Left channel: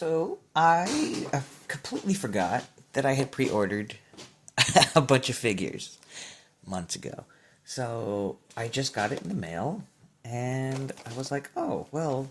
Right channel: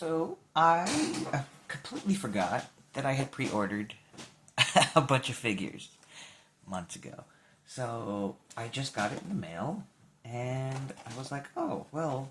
So I completely forgot that I had pre-ordered a bunch of figures months ago. So I just got it in the mail, and I was like, oh, well,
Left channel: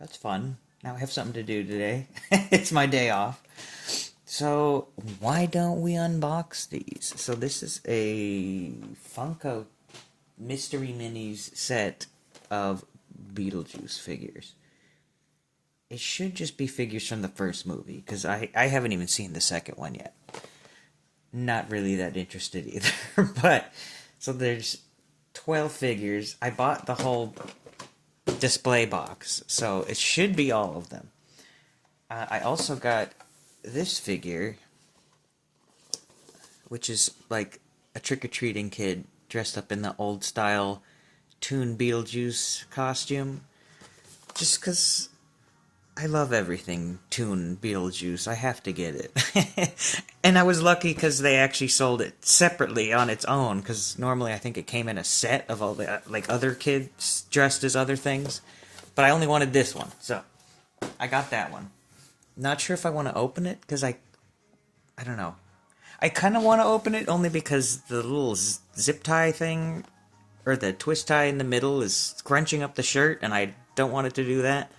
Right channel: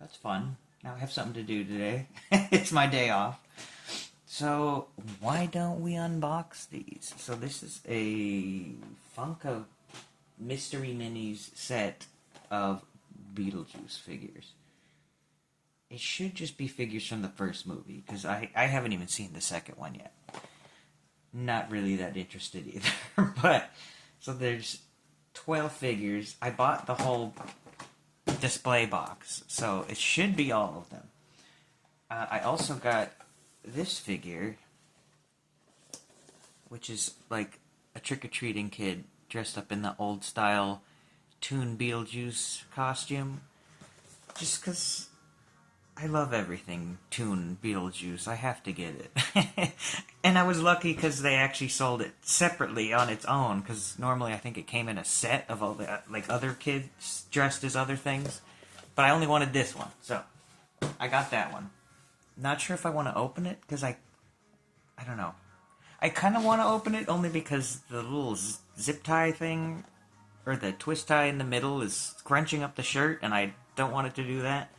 that's fun. Now I have something to do today. It's my day off. So why don't we unbox these? So this is a Funko Mystery Minis set of Beetlejuice figures. It should just be figures from the first movie, because I haven't even seen the second one yet. Not really that interested either. But, so there's 12 figures. I bought the whole display box, so it should be all of them. I also got this figure, which is like a trick-or-treating kid dressed up in the old-style Toon Beetlejuice costume. Just because I love everything Toon Beetlejuice. I have to get it. And I was lucky because they actually sold it separately on its own, because normally I think it came in a set of all the like other kids dressed as other things. But I only wanted this one, so I got that one. Not sure if I want to open it, because I don't know. I kind of want to open it only because the little zip tie thing, or the twist tie in the middle, is scrunching up the shirt, and I don't want it to do that.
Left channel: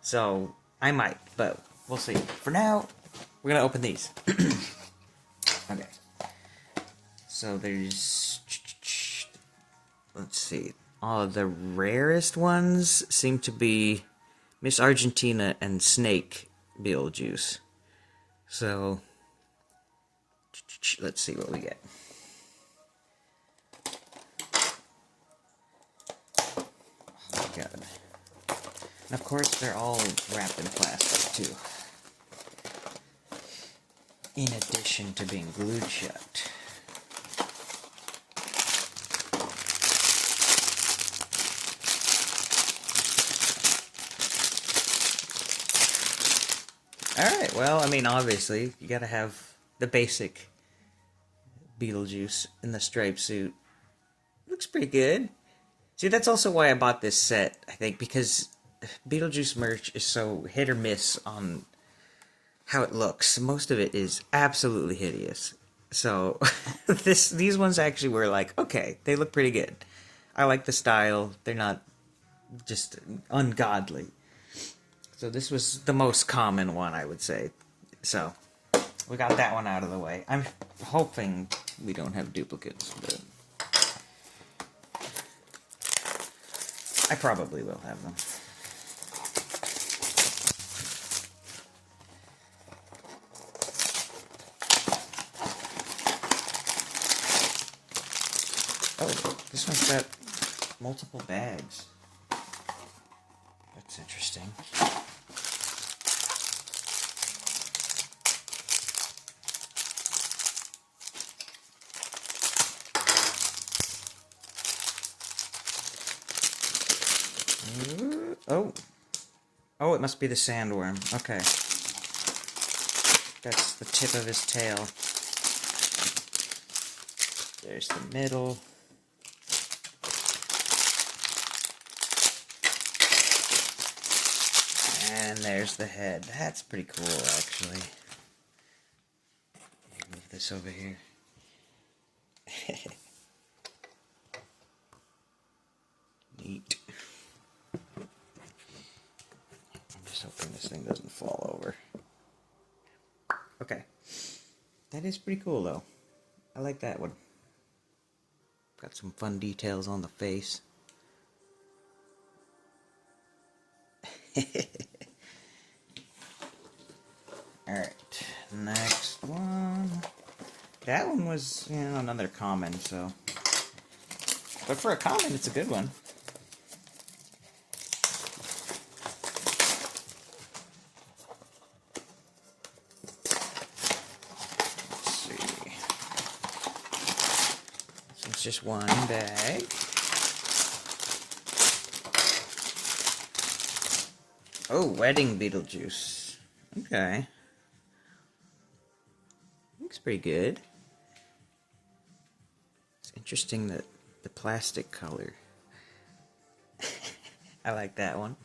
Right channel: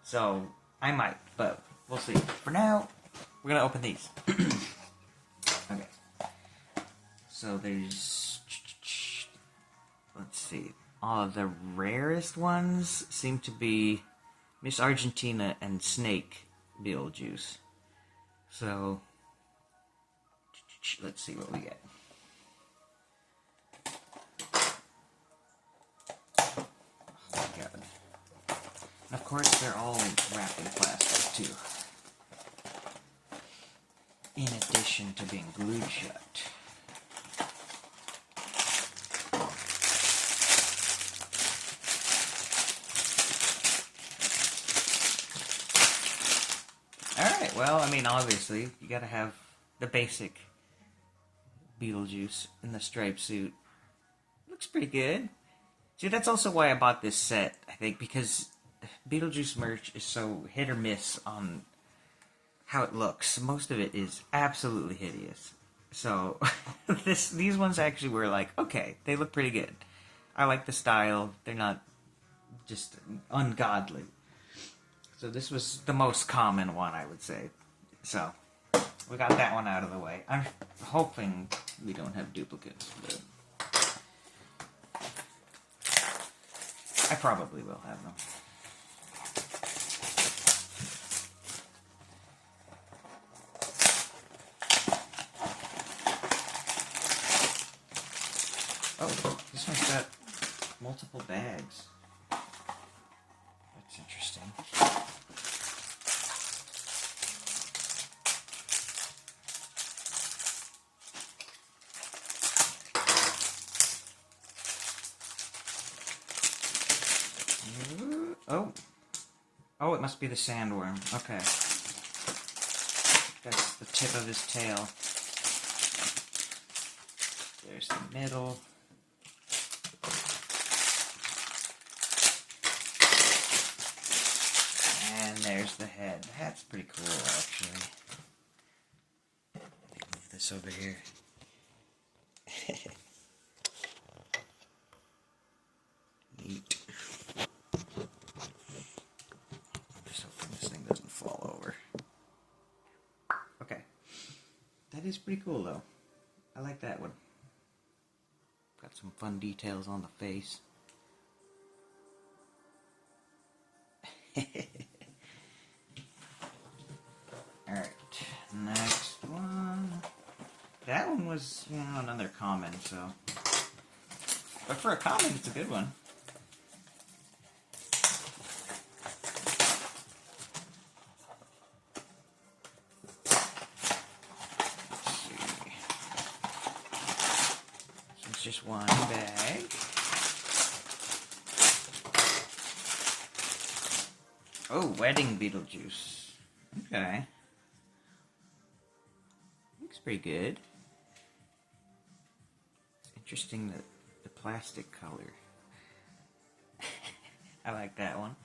So, I might, but we'll see. For now, we're going to open these. Okay. So, there's... Let's see. All of the rarest ones seem to be Miss Argentina and Snake Beetlejuice. So, let's see what we get. Oh my god. And of course, they're all wrapped in plastic, too. In addition to being glued shut. Alright, well, I mean, obviously, you gotta have the basic Beetlejuice in the striped suit. Looks pretty good. See, that's also why I bought this set, I think, because Beetlejuice merch is so hit or miss on how it looks. Most of it is absolutely hideous. So, these ones actually were like, okay, they look pretty good. I like the style. They're not just ungodly. So this was the most common one, I would say. So, we got that one out of the way. I'm hoping we don't have duplicates, but I probably will have them. Oh, this one's got multiple bags. That's interesting. Oh. Oh, it must be the sandworm. Okay. That's the tip of his tail. There's the middle. And there's the head. That's pretty cool, actually. Let me move this over here. Neat. I'm just hoping this thing doesn't fall over. Okay. That is pretty cool, though. I like that one. Got some fun details on the face. Alright, next one. That one was, you know, another common, so. But for a common, it's a good one. Let's see. So it's just one bag. Oh, wedding Beetlejuice. Okay. Looks pretty good. It's interesting that the plastic color. I like that one.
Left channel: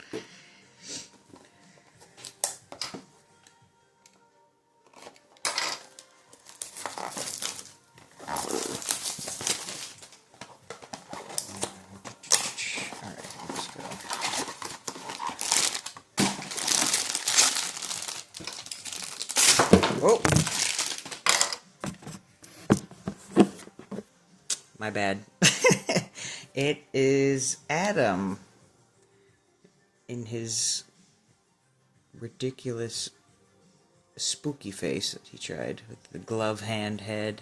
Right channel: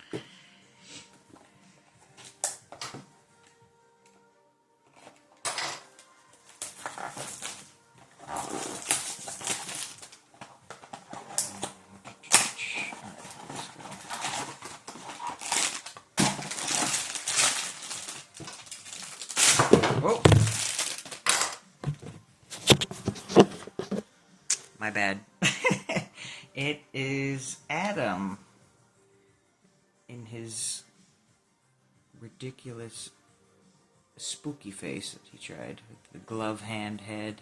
Whoa! My bad. It is Adam in his ridiculous spooky face that he tried with the glove hand head,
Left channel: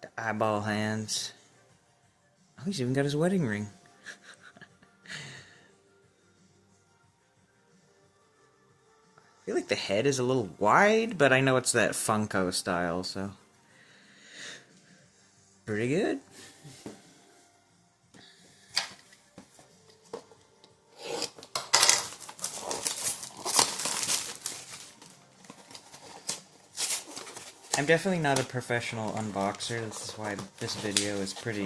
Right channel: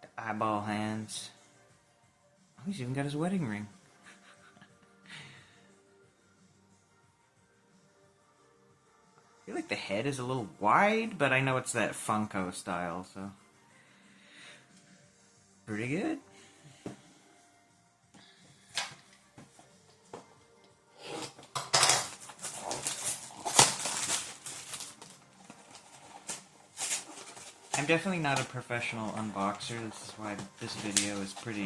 the eyeball hands. Oh, he's even got his wedding ring. I feel like the head is a little wide, but I know it's that Funko style, so pretty good. I'm definitely not a professional unboxer. This is why this video is pretty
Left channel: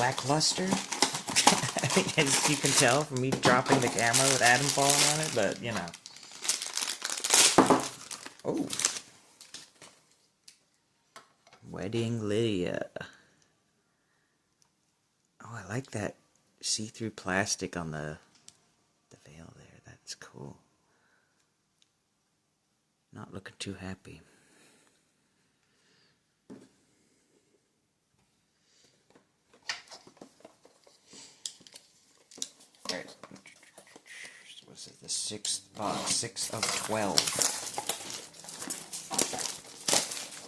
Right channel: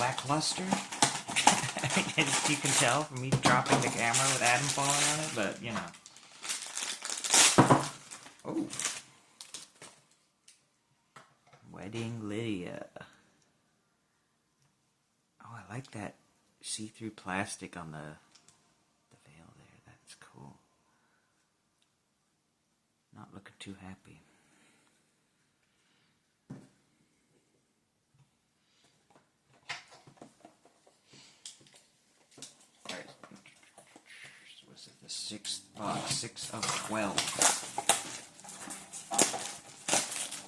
lackluster. As you can tell from me dropping the camera with Adam falling on it, but you know. Oh. Wedding Lydia. Oh, I like that see-through plastic on the veil there. That's cool. Not looking too happy. Alright. So was it the 6th box? 6 of 12.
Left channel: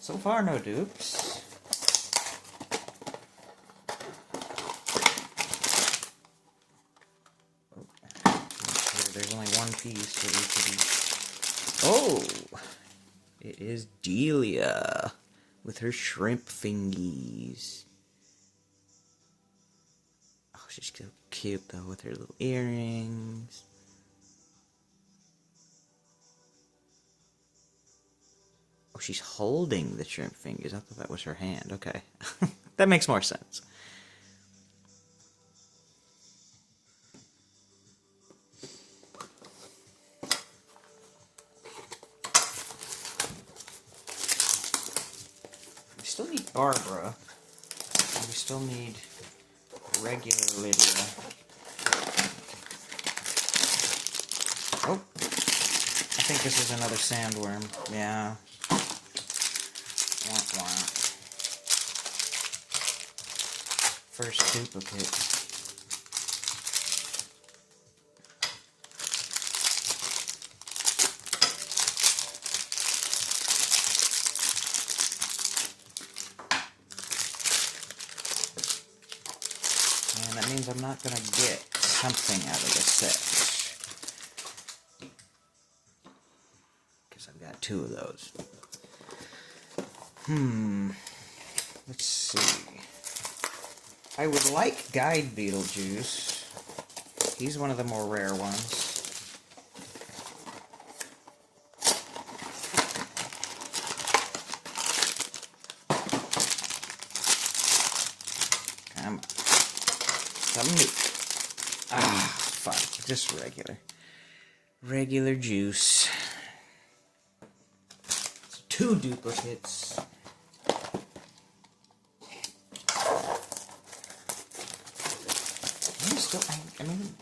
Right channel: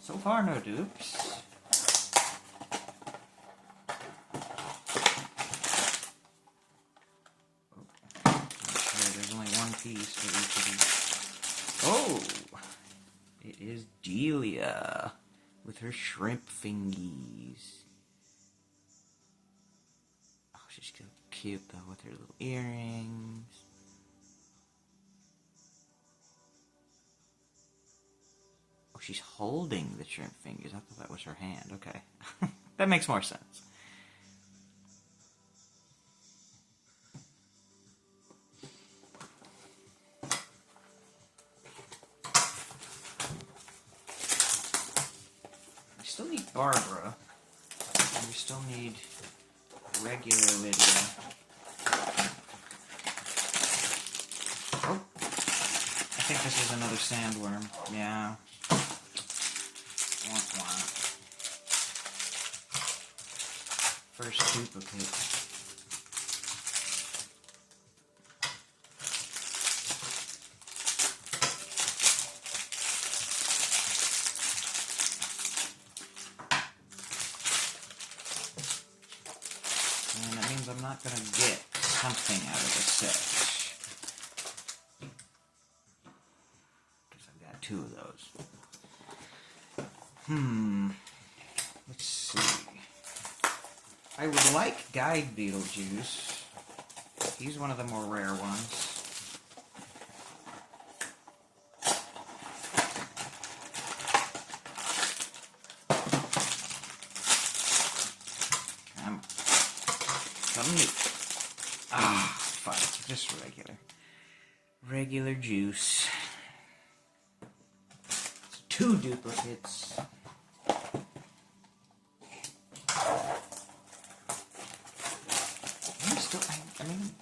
So far, no dupes. Oh, make sure there's only one piece for each of these. Oh! It is Delia with her shrimp fingies. Oh, she's so cute though with her little earrings. Oh, she's holding the shrimp fingers. I thought that was her hand. Okay. That makes more sense. We still need Barbara. And we still need regular Lydia. Oh. I think this is another sandworm. Yeah. First duplicate. And that means I'm not going to get something out of the set. Because I've got 2 of those. Let's see. I would like Guide Beetlejuice. He's one of the more rare ones. Something new. Ah, fuck. Just regular. Regular juice. So 2 duplicates. I mean,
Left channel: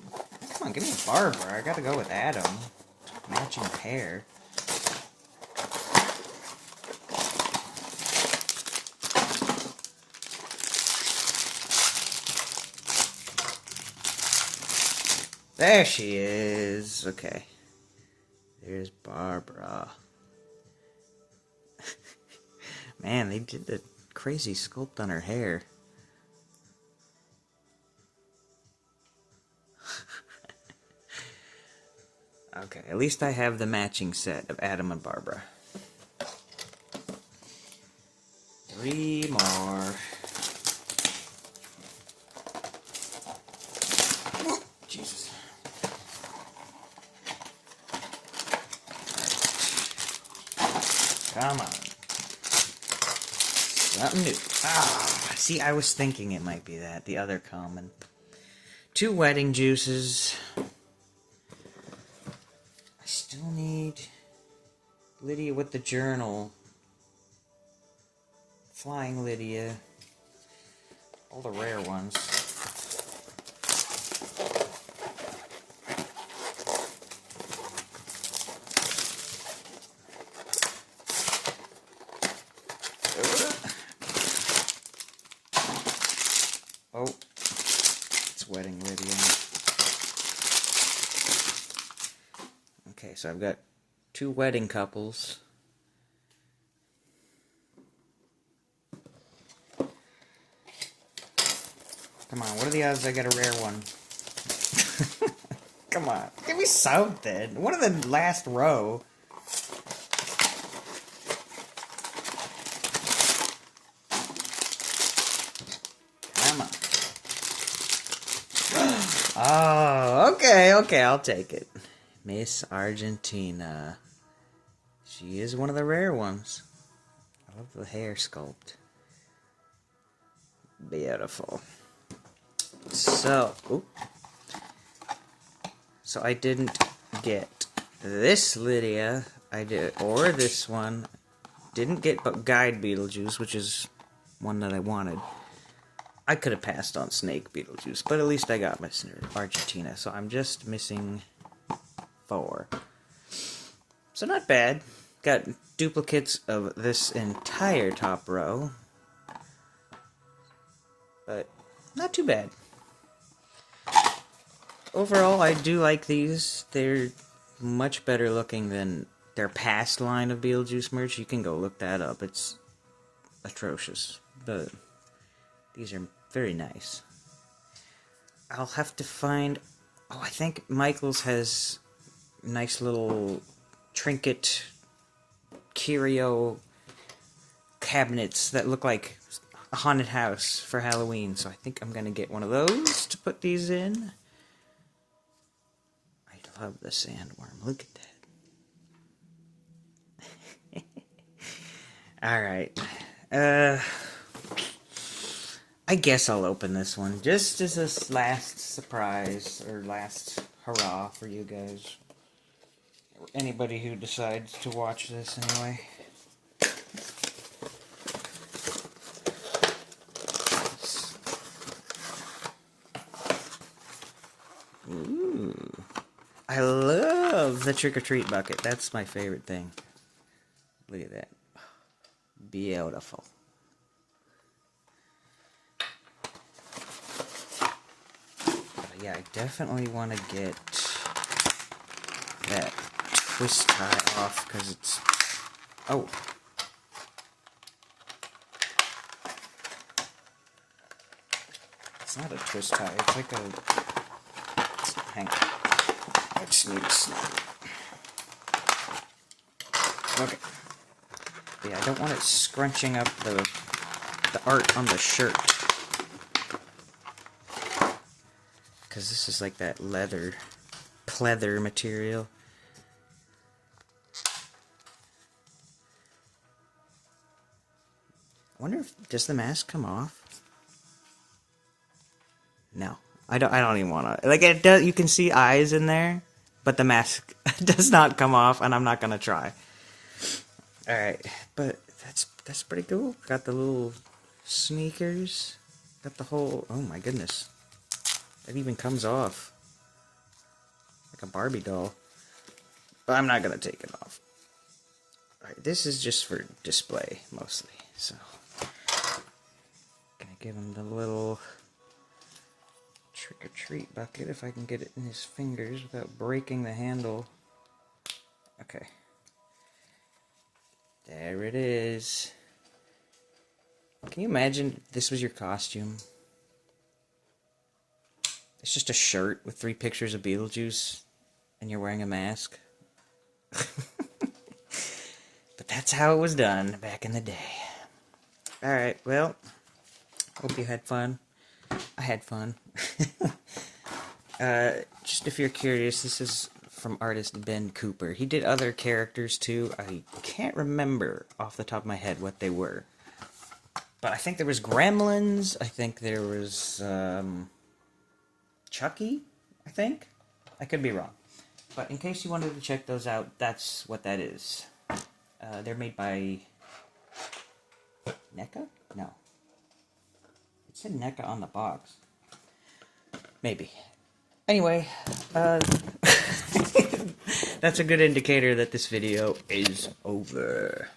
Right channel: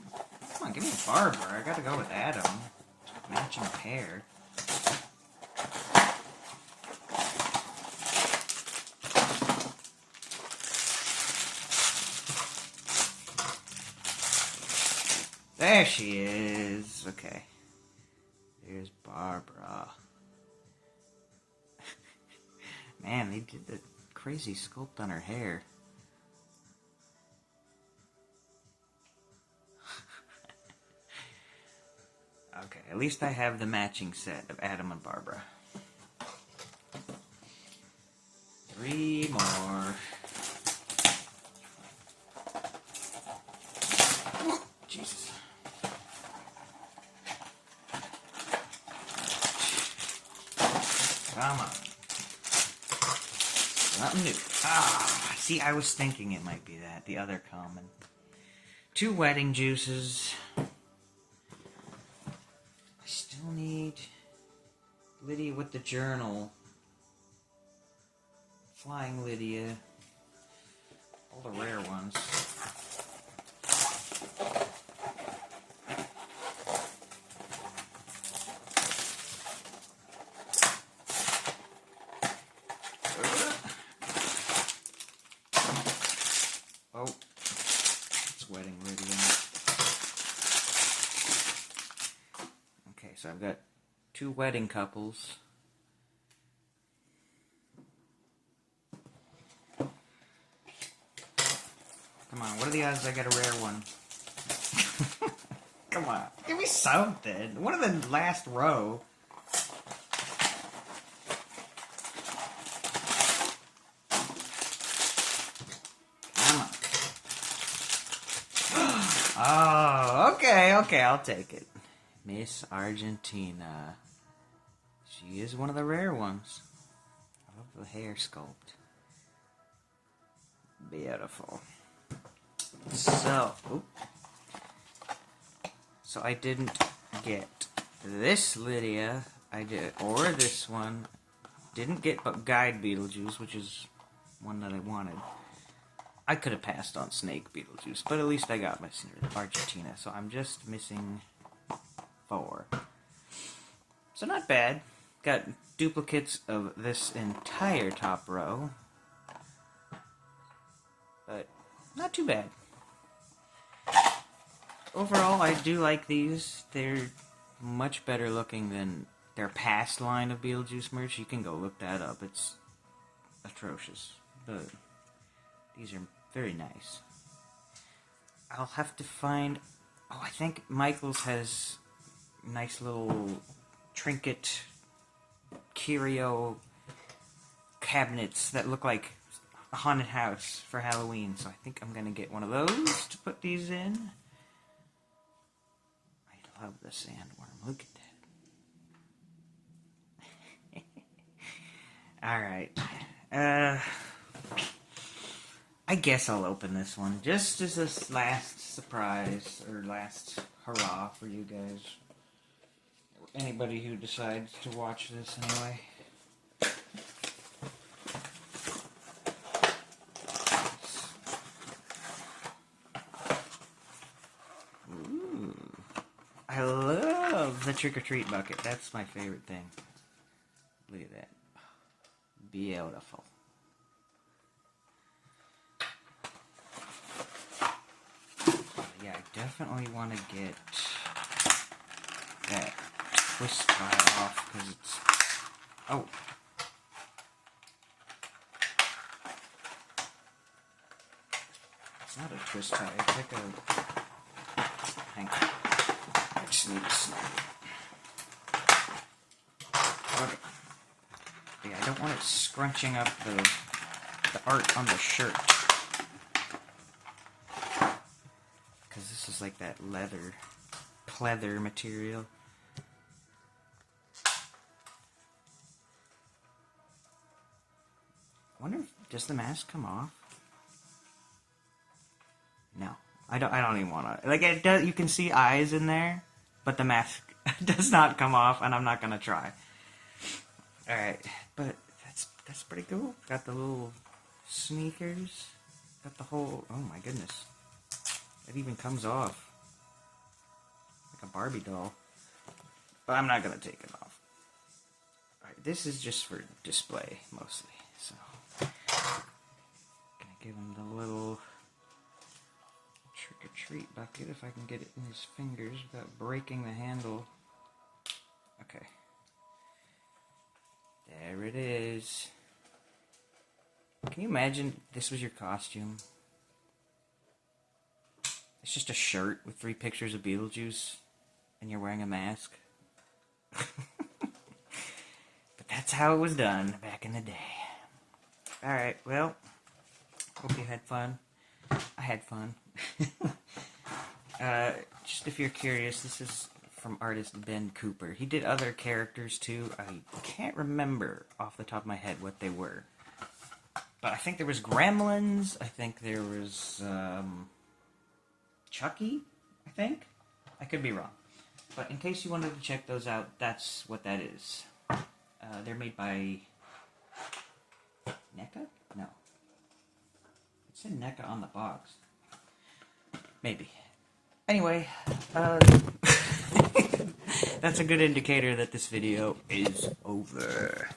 come on, give me Barbara. I gotta go with Adam. Matching pair. There she is. Okay. There's Barbara. Man, they did the crazy sculpt on her hair. Okay, at least I have the matching set of Adam and Barbara. 3 more. Jesus. Come on. Something new. Ah, see, I was thinking it might be that. The other common. 2 wedding juices. Still need Lydia with the journal. Flying Lydia. All the rare ones. so I've got 2 wedding couples. Come on, what are the odds I get a rare one? Come on, give me something. One of the last row. Come on. Oh, okay, I'll take it. Miss Argentina. She is one of the rare ones. I love the hair sculpt. Beautiful. So I didn't get this Lydia, or this one. Didn't get but Guide Beetlejuice, which is one that I wanted. I could have passed on Snake Beetlejuice, but at least I got Miss Argentina, so I'm just missing 4. So not bad. Got duplicates of this entire top row, but not too bad. Overall, I do like these. They're much better looking than their past line of Beetlejuice merch. You can go look that up. It's atrocious, but these are very nice. I'll have to find... Oh, I think Michael's has nice little trinket curio cabinets that look like a haunted house for Halloween, so I think I'm gonna get one of those to put these in. I love the sandworm. Look at that. Alright. I guess I'll open this one just as a last surprise, or last hurrah for you guys. Or anybody who decides to watch this anyway. Ooh. I love the trick-or-treat bucket. That's my favorite thing. Look at that. Beautiful. Yeah, I definitely want to get that twist tie off, because it's... Oh. It's not a twist tie, it's like a... Hang on. I just need to snap it. Okay. Yeah, I don't want it scrunching up the art on the shirt. Because this is like that leather, pleather material. I wonder if, does the mask come off? No. I don't even want to, like, it does, you can see eyes in there, but the mask does not come off, and I'm not going to try. Alright, but that's pretty cool. Got the little sneakers, got the whole, oh my goodness. It even comes off like a Barbie doll. But I'm not going to take it off. Alright, this is just for display, mostly. So, gonna give him the little trick-or-treat bucket, if I can get it in his fingers without breaking the handle. Okay. There it is. Can you imagine if this was your costume? It's just a shirt with 3 pictures of Beetlejuice, and you're wearing a mask. But that's how it was done back in the day. Alright, well, hope you had fun. I had fun. Just if you're curious, this is from artist Ben Cooper. He did other characters too. I can't remember off the top of my head what they were. But I think there was Gremlins. I think there was... Chucky, I think? I could be wrong. But in case you wanted to check those out, that's what that is. They're made by... NECA? No. It said NECA on the box. Maybe. Anyway, that's a good indicator that this video is over.